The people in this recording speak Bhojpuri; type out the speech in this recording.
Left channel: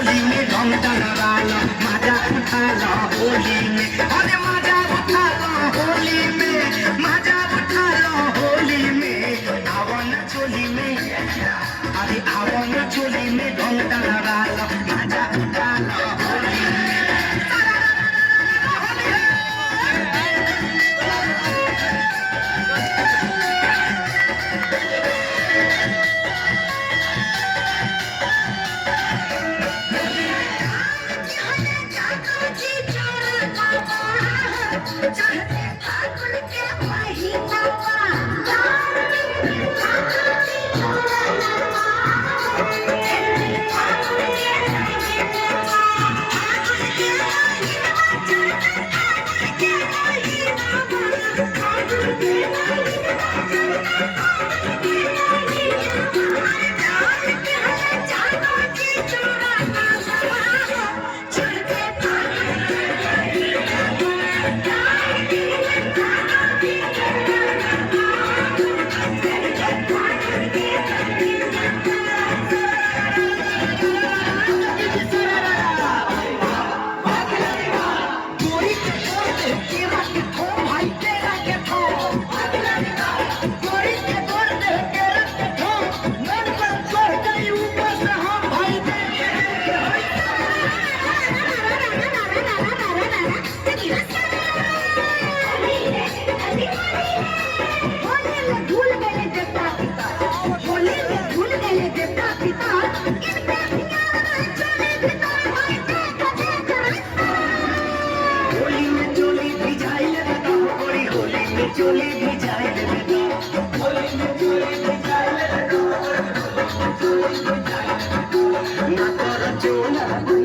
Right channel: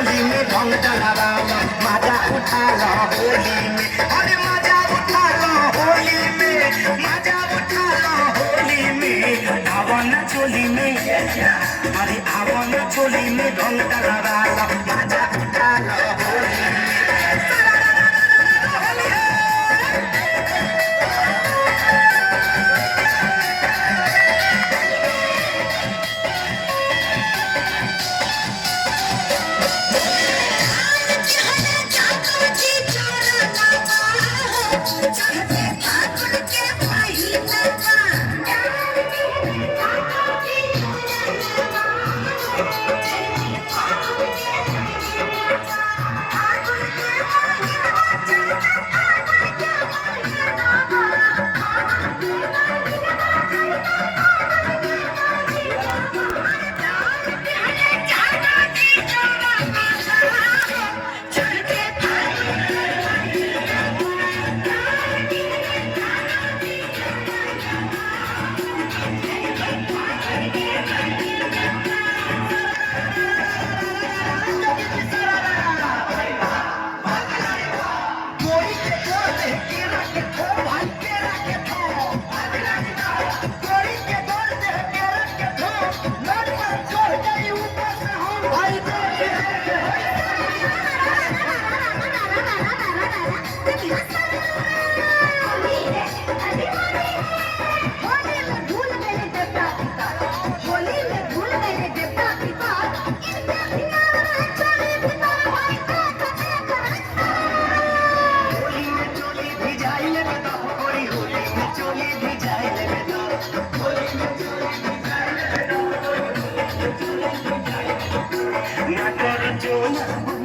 चोली में ढंग डलवा लो, मजा उठा लो होली में, अरे मजा उठा लो होली में, मजा उठा लो होली में। आवो ना चोली में, अरे आवो ना चोली में ढंग डलवा लो, मजा उठा लो होली में। चोली भी जाए ना कर चोला